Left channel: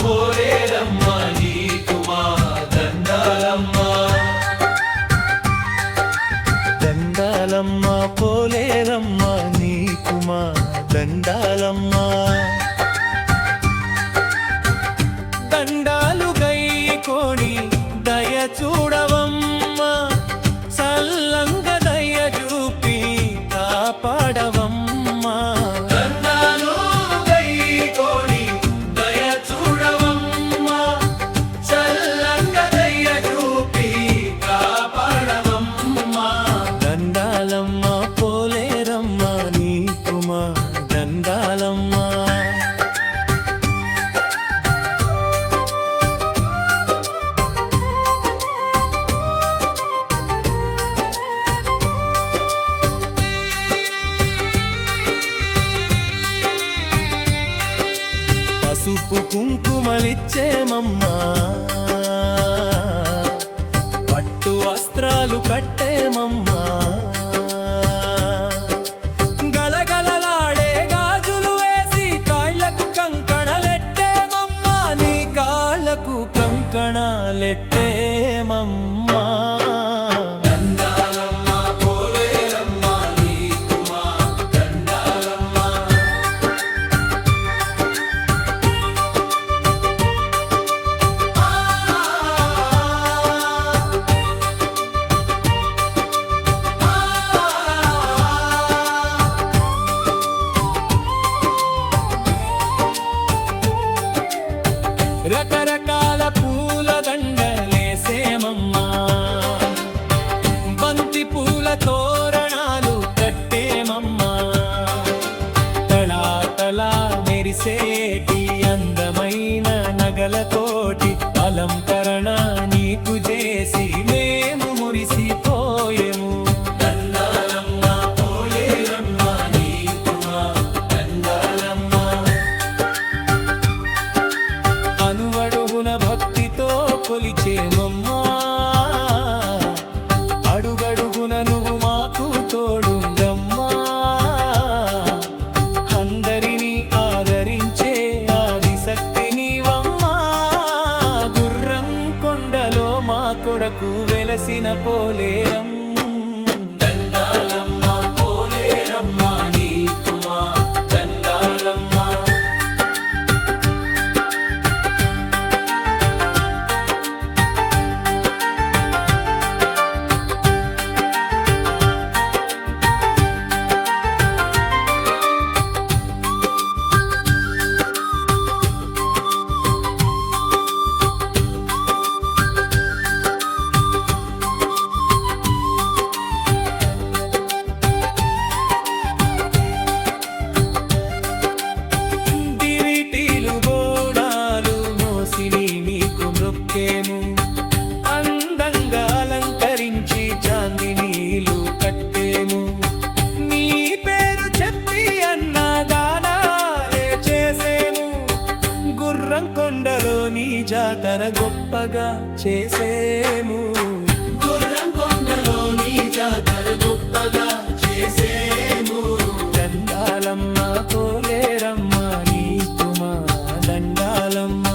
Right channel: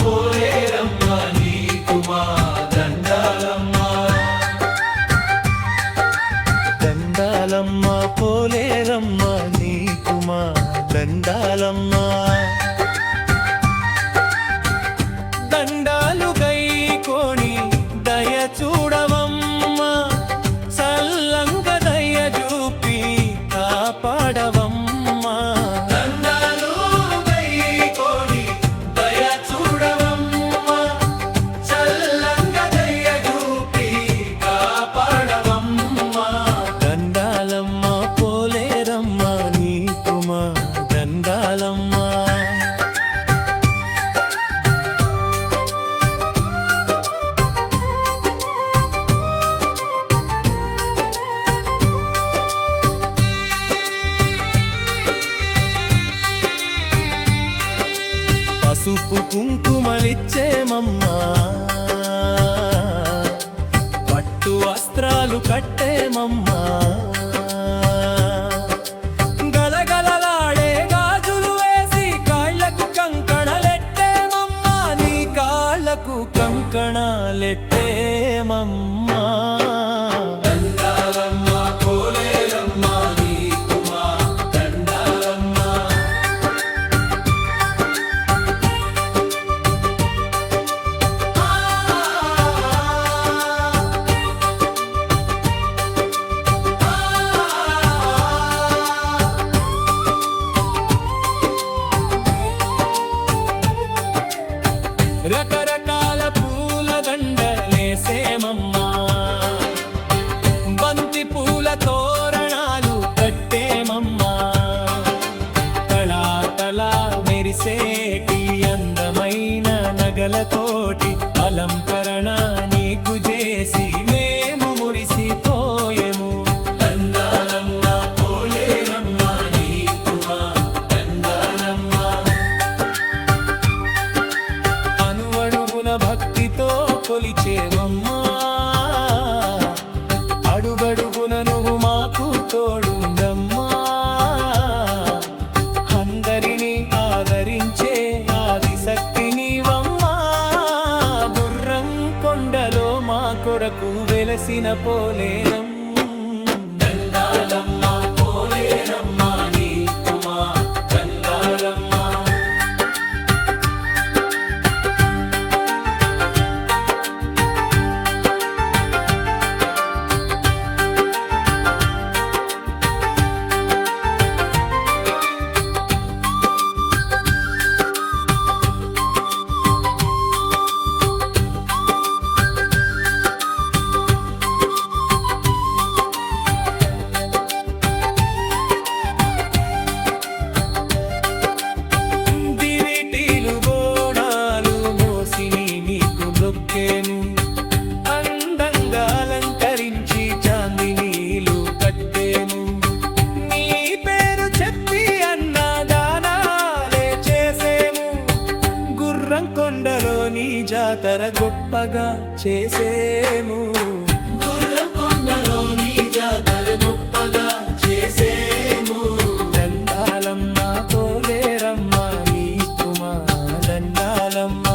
పోలేరమ్మ నీకు మా దండాలమ్మ. దండాలమ్మ పోలేరమ్మ నీకు మా దండాలమ్మ. దండాలు గైకోని దయ చూడవమ్మ, సల్లంగ దయ చూపి కాపాడవమ్మ. దండాలు గైకోని దయ చూడవమ్మ, చల్లంగ దయ చూపి కాపాడవమ్మ. దండాలమ్మ పోలేరమ్మ నీకు మా దండాలమ్మ. పసుపు కుంకుమలిచ్చేమమ్మా, పట్టు వస్త్రాలు కట్టేమమ్మా, గలగలలాడే గాజులు వేసి కాళ్ళకు కంకణలెట్టేమమ్మా, నీ కాళ్ళకు కంకణాలెట్టేమమ్మా. దండాలమ్మ పోలేరమ్మ నీకు మా దండాలమ్మ. రకరకాల పూల దండలేసేమమ్మా, బంతి పూల తోరణాలు కట్టేమమ్మా, తళాతళా మెరిసేటి అందమైన నగలతోటి అలంకరణ నీకు చేసి మేము మురిసిపోయేము. దండాలమ్మ పోలేరమ్మ నీకు మా దండాలమ్మ. అనువడుగున భక్తితో కొలిచేమమ్మా, అడుగడుగున నువ్వు మాకు తోడుందమ్మా, అందరినీ ఆదరించే ఆదిశక్తి నీవమ్మా, గుర్రం కొండలో మా కొరకు వెలసిన పోలేరం. దండాలమ్మ పోలేరమ్మ నీకు మా దండాలమ్మ. దివిటీలు బోనాలు మోసిని నీకు మొక్కేము, అందంగా అలంకరించి చాందినీలు కట్టేము, నీ పేరు చెప్పి అన్నదానాలే చేసేము, గుర్రం కొండలో నీ జాతర గొప్పగా చేసేము. గుర్రం కొండలో నీ జాతర గొప్పగా చేసేము. దండాలమ్మ పోలేరమ్మ నీకు మా దండాలమ్మ.